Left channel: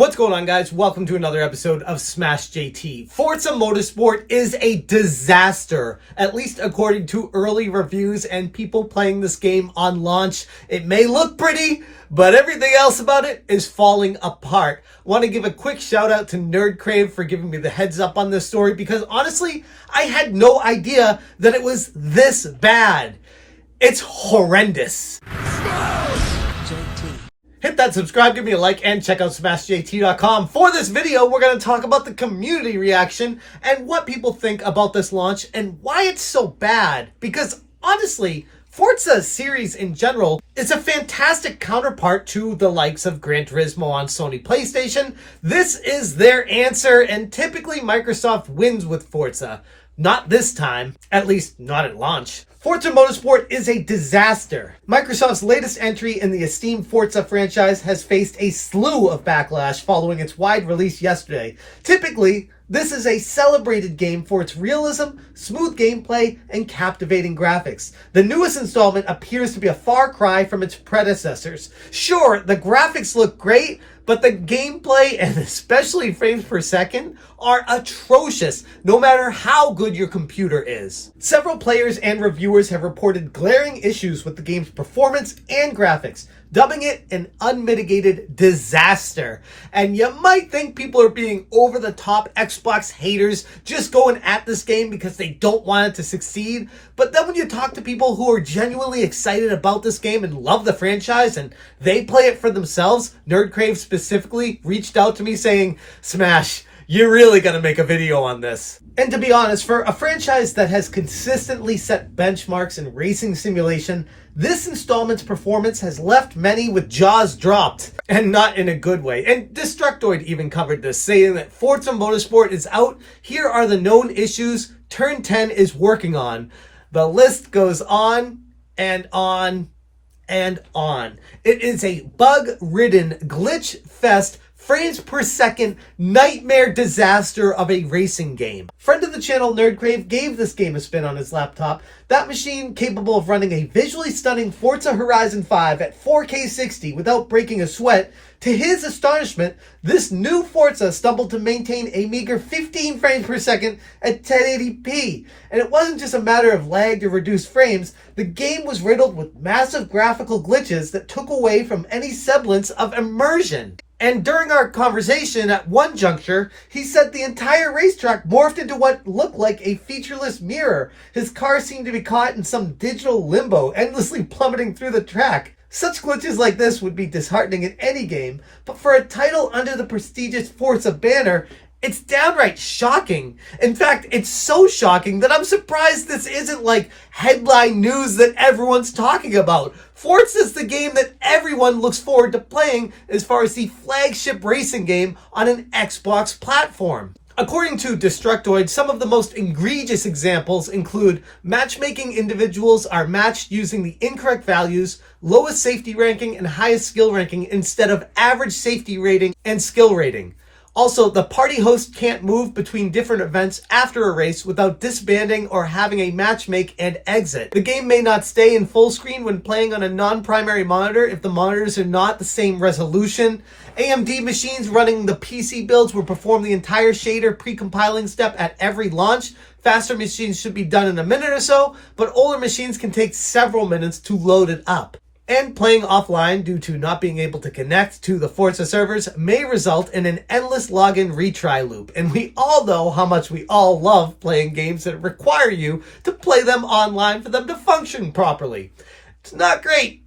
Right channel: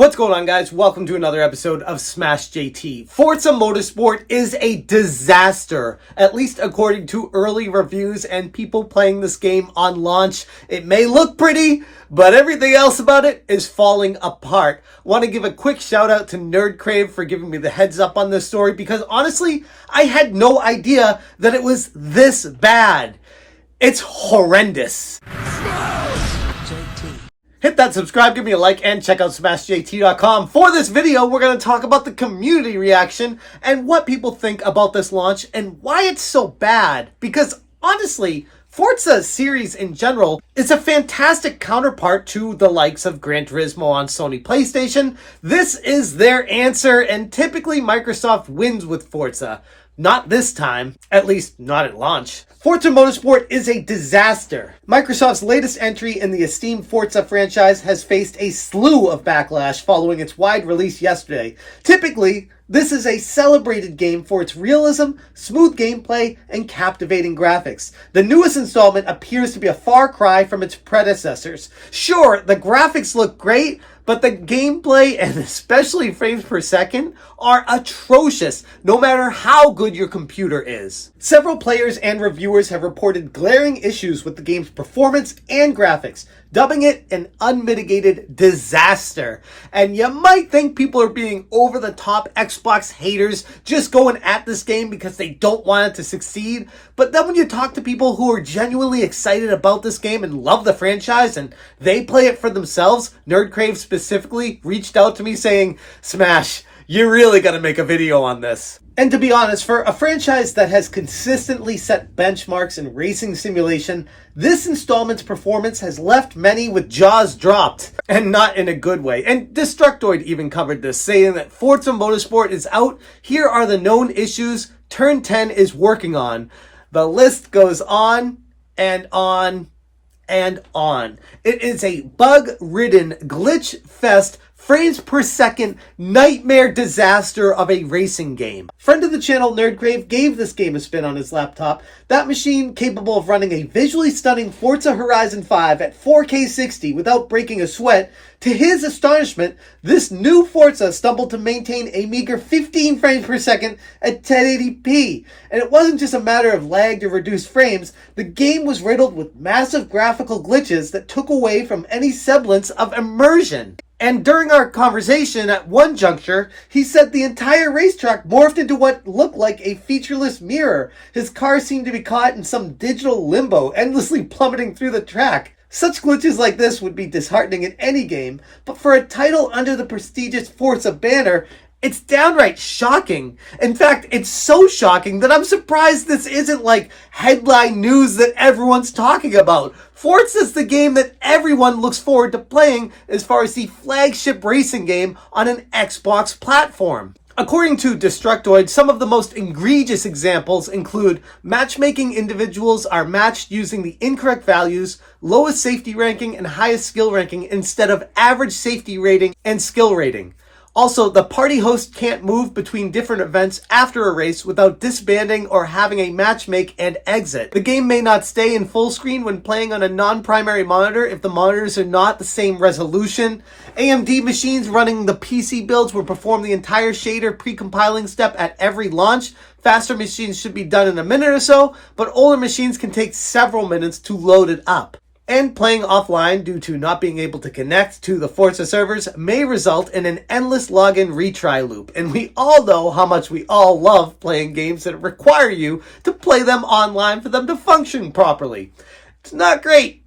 What's going on, guys? Welcome to another episode of Smash JT. Forza Motorsport is a disaster, at least according to early reviews and people playing this game on launch. It may look pretty, but everything else about it is falling apart. Want to give a quick shout out to Nerdcrave for giving me the heads up on this story, because honestly, I had no idea that it was this bad. It's horrendous. Hit that subscribe, give me a like, and check out SmashJT.com. For this video, we're going to talk about the community reaction and what people think about this launch and why it's so bad. Because honestly, Forza series in general is a fantastic counterpart to the likes of Gran Turismo on Sony PlayStation. This is their answer, and typically Microsoft wins with Forza. Not this time, at least not at launch. Forza Motorsport is a disaster. Microsoft's latest entry in the esteemed Forza franchise has faced a slew of backlash following its wide release yesterday. Typically, this is a celebrated game for its realism, smooth gameplay, and captivating graphics. The newest installment appears to be a far cry from its predecessors. Sure, the graphics look great, but the gameplay, and especially frames per second, are atrocious, no matter how good your computer is. Several players and reviewers have reported glaring issues with the game's performance and graphics, dubbing it an unmitigated disaster. And you might think people are being over-the-top Xbox haters just going at this game because they don't want it to succeed. But then when you talk to people who are genuinely excited about this game and love the franchise and they play it for themselves, Nerdcrave specifically reached out to me saying, "Smash, you really got to make a video on this." And to be honest, for a franchise that has consistently set benchmarks in racing simulation, this installment's performance has left many with jaws dropped, and not in a good way. And Destructoid even covered this, saying that Forza Motorsport is out, here are the known issues Turn 10 is working on. The list goes on and on and on. It is a bug-ridden Glitchfest, frames per second nightmare disaster of a racing game. Friend of the channel Nerdcrave gave this game a spin on his laptop. That machine, capable of running a visually stunning Forza Horizon 5 at 4K 60 without breaking a sweat. To his astonishment, this new Forza stumbled to maintain a meager 15 frames per second at 1080p. And it wasn't just a matter of lagged or reduced frames. The game was riddled with massive graphical glitches that took away from any semblance of immersion. And during our conversation at one juncture, he said the entire racetrack morphed into what looked like a featureless mirror. His car seemed to be caught in some digital limbo, endlessly plummeting through the track. Such glitches like this would be disheartening in any game, but for a title under the prestigious Forza banner, it's downright shocking. In fact, it's so shocking that I'm surprised this isn't like headline news that everyone's talking about. Forza's the game that everyone looks forward to playing as far as the flagship racing game on an Xbox platform. According to Destructoid, some of the most egregious examples include matchmaking individuals are matched using the incorrect values, lowest safety ranking and highest skill ranking instead of average safety rating and skill rating. Also, the party host can't move between different events after a race without disbanding or having a match make and exit. The game may not stay in full screen when playing on a non-primary monitor if the monitors are not the same resolution. AMD machines running the PC builds will perform the entire shader pre-compiling step at every launch. Faster machines should be done in a minute or so, but older machines can take several minutes to load it up. And playing offline due to not being able to connect to the Forza servers may result in an endless login retry loop. And we all know how much we all love playing games that require you to play them online for them to function properly. It's not great.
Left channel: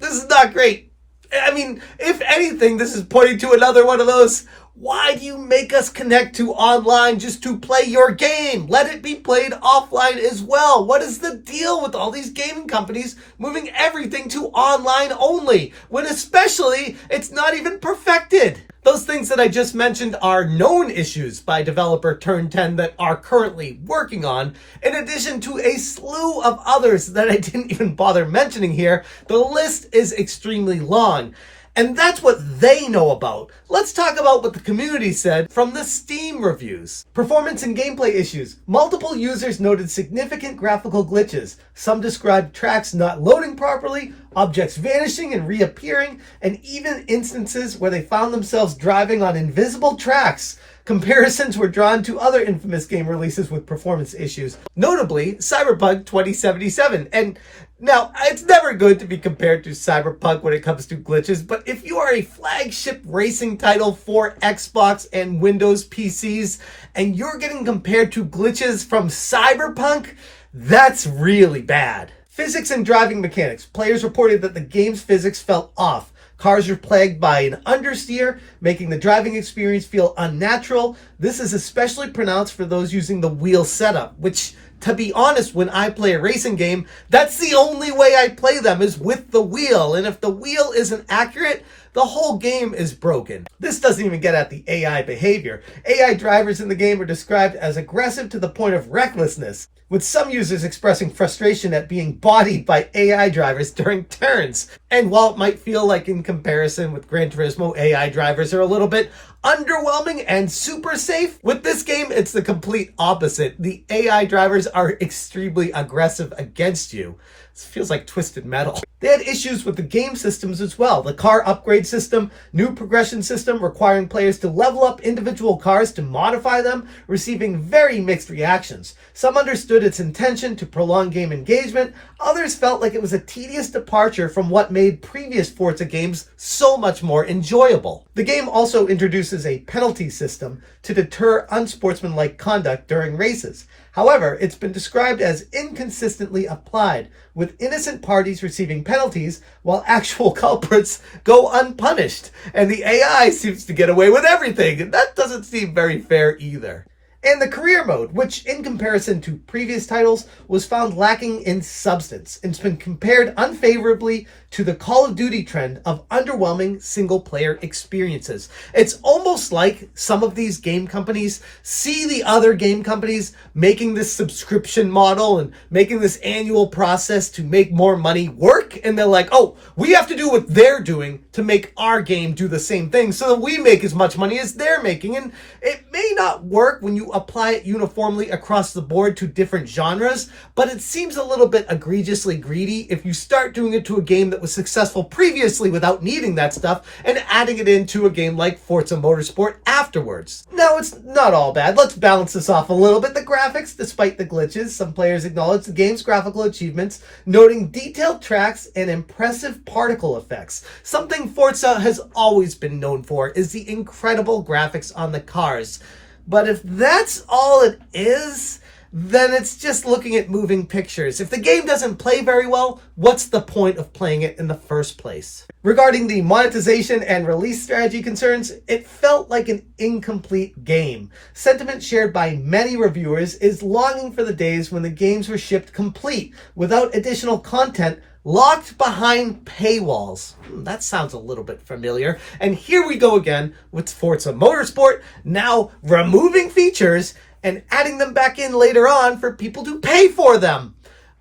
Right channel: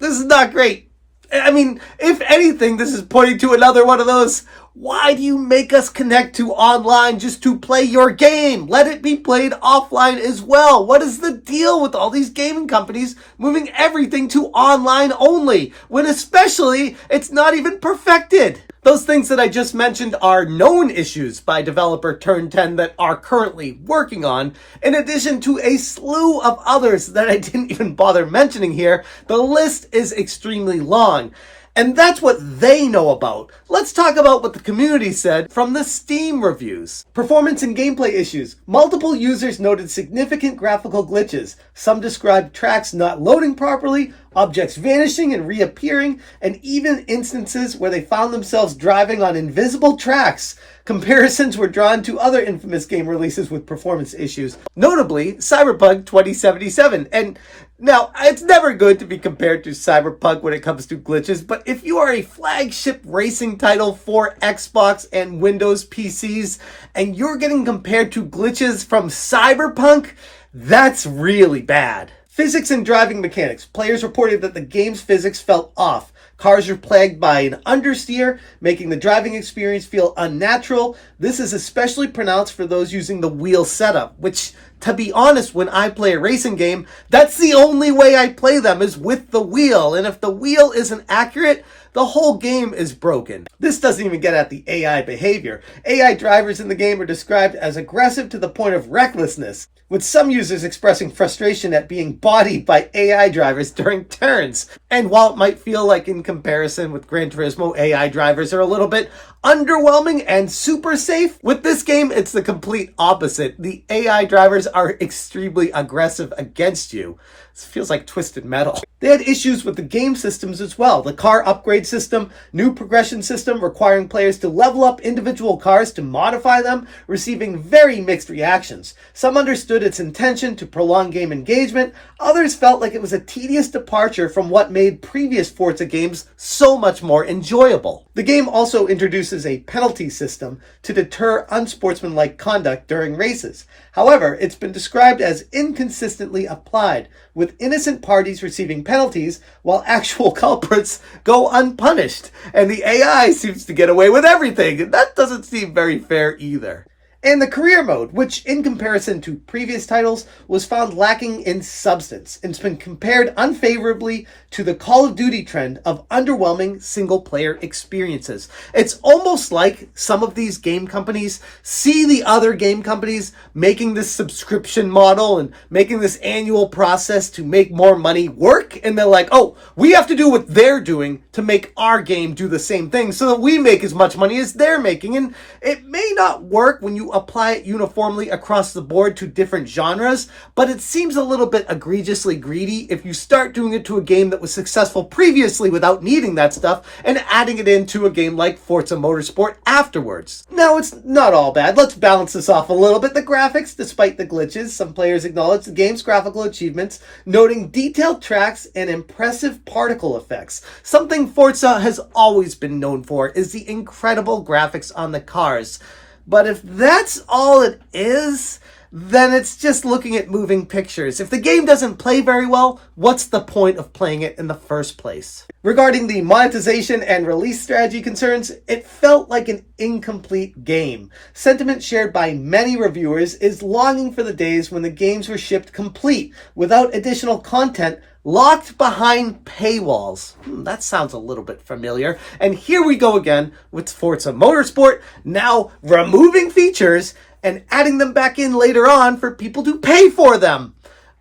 This is not great. I mean, if anything, this is pointing to another one of those, why do you make us connect to online just to play your game? Let it be played offline as well. What is the deal with all these gaming companies moving everything to online only, when especially it's not even perfected? Those things that I just mentioned are known issues by developer Turn 10 that are currently working on, in addition to a slew of others that I didn't even bother mentioning here. The list is extremely long. And that's what they know about. Let's talk about what the community said from the Steam reviews. Performance and gameplay issues. Multiple users noted significant graphical glitches. Some described tracks not loading properly, objects vanishing and reappearing, and even instances where they found themselves driving on invisible tracks. Comparisons were drawn to other infamous game releases with performance issues, notably Cyberpunk 2077. And now, it's never good to be compared to Cyberpunk when it comes to glitches, but if you are a flagship racing title for Xbox and Windows PCs, and you're getting compared to glitches from Cyberpunk, that's really bad. Physics and driving mechanics. Players reported that the game's physics felt off. Cars are plagued by an understeer, making the driving experience feel unnatural. This is especially pronounced for those using the wheel setup, which, to be honest, when I play a racing game, that's the only way I play them is with the wheel. And if the wheel isn't accurate, the whole game is broken. This doesn't even get at the AI behavior. AI drivers in the game are described as aggressive to the point of recklessness, with some users expressing frustration at being bodied by AI drivers during turns. And while it might feel like in comparison with Gran Turismo, AI drivers are a little bit underwhelming and super safe, with this game, it's the complete opposite. The AI drivers are extremely aggressive against you. This feels like Twisted Metal. They had issues with the game systems as well. The car upgrade system, new progression system requiring players to level up individual cars to modify them, receiving very mixed reactions. Some understood its intention to prolong game engagement. Others felt like it was a tedious departure from what made previous Forza games so much more enjoyable. The game also introduces a penalty system to deter unsportsmanlike conduct during races. However, it's been described as inconsistently applied, with innocent parties receiving penalties while actual culprits go unpunished. And the AI seems to get away with everything, and that doesn't seem very fair either. And the career mode, which in comparison to previous titles was found lacking in substance and has been compared unfavorably to the Call of Duty trend of underwhelming single-player experiences. It's almost like some of these game companies see the other game companies making this subscription model and making this annual process to make more money work, and they're like, oh, we have to do what they're doing to make our game do the same thing so that we make as much money as they're making. And it may not work when you apply it uniformly across the board to different genres, but it seems a little bit egregiously greedy if you start doing it to a game that was successful previously without needing that stuff and adding it into a game like Forza Motorsport afterwards. Now, it's not all bad. Let's balance this off a little bit. The graphics, despite the glitches, some players acknowledge the game's graphical achievements, noting detailed tracks and impressive particle effects. Something Forza has always been known for is the incredible graphics on the cars. But if that's all it is, then it's just looking at moving pictures. If the game doesn't play very well, what's the point of playing it in the first place? Regarding the monetization and release strategy concerns, it felt like an incomplete game. Sentiment shared by many reviewers is longing for the days when the games were shipped complete, without additional content, locked behind paywalls. That sounds a little bit familiar. And here we go again with Forza Motorsport, now removing features and adding them back in later on for people to pay for them.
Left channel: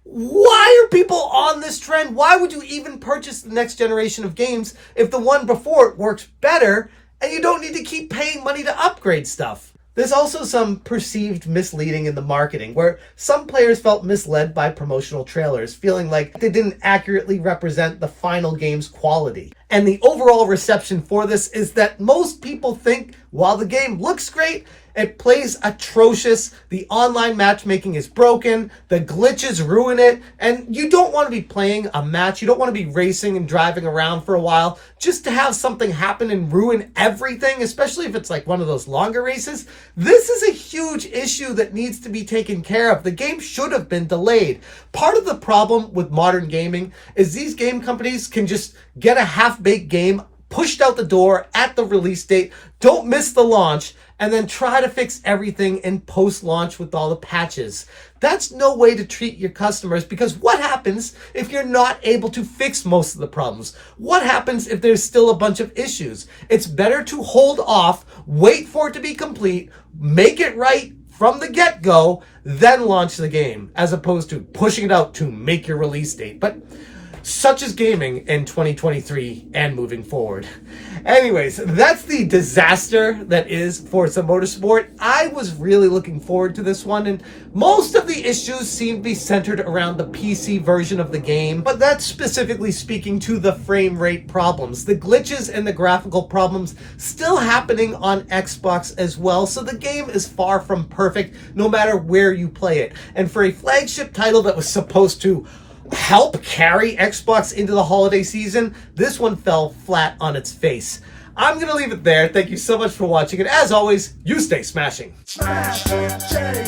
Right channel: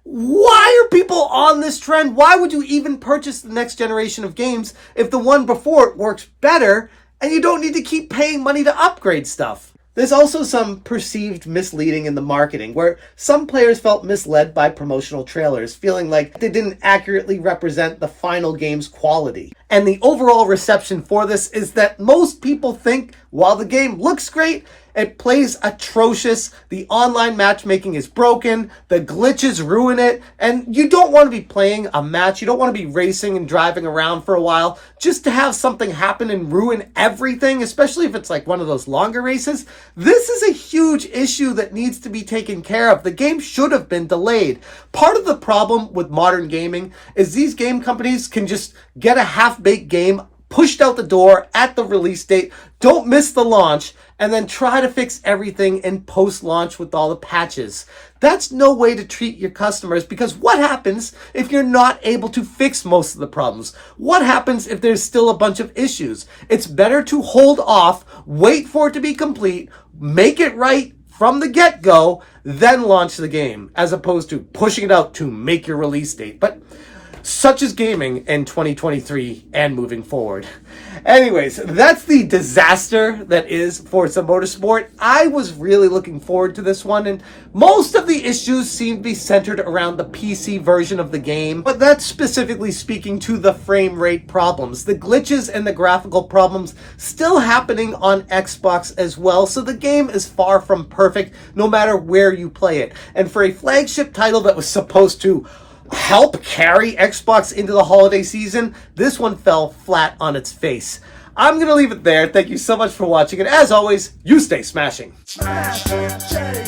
Why are people on this trend? Why would you even purchase the next generation of games if the one before it works better and you don't need to keep paying money to upgrade stuff? There's also some perceived misleading in the marketing, where some players felt misled by promotional trailers, feeling like they didn't accurately represent the final game's quality. And the overall reception for this is that most people think while the game looks great, it plays atrocious, the online matchmaking is broken, the glitches ruin it, and you don't want to be playing a match, you don't want to be racing and driving around for a while just to have something happen and ruin everything, especially if it's like one of those longer races. This is a huge issue that needs to be taken care of. The game should have been delayed. Part of the problem with modern gaming is these game companies can just get a half-baked game pushed out the door at the release date, don't miss the launch, and then try to fix everything in post-launch with all the patches. That's no way to treat your customers, because what happens if you're not able to fix most of the problems? What happens if there's still a bunch of issues? It's better to hold off, wait for it to be complete, make it right from the get-go, then launch the game, as opposed to pushing it out to make your release date. But Such is gaming in 2023 and moving forward. Anyways, that's the disaster that is Forza Motorsport. I was really looking forward to this one, and most of the issues seem to be centered around the PC version of the game, but that's specifically speaking to the frame rate problems. The glitches and the graphical problems still happening on Xbox as well, so the game is far from perfect no matter where you play it. And for a flagship title that was supposed to help carry Xbox into the holiday season, this one fell flat on its face. I'm going to leave it there. Thank you so much for watching, and as always, you stay smashing. Smash, change,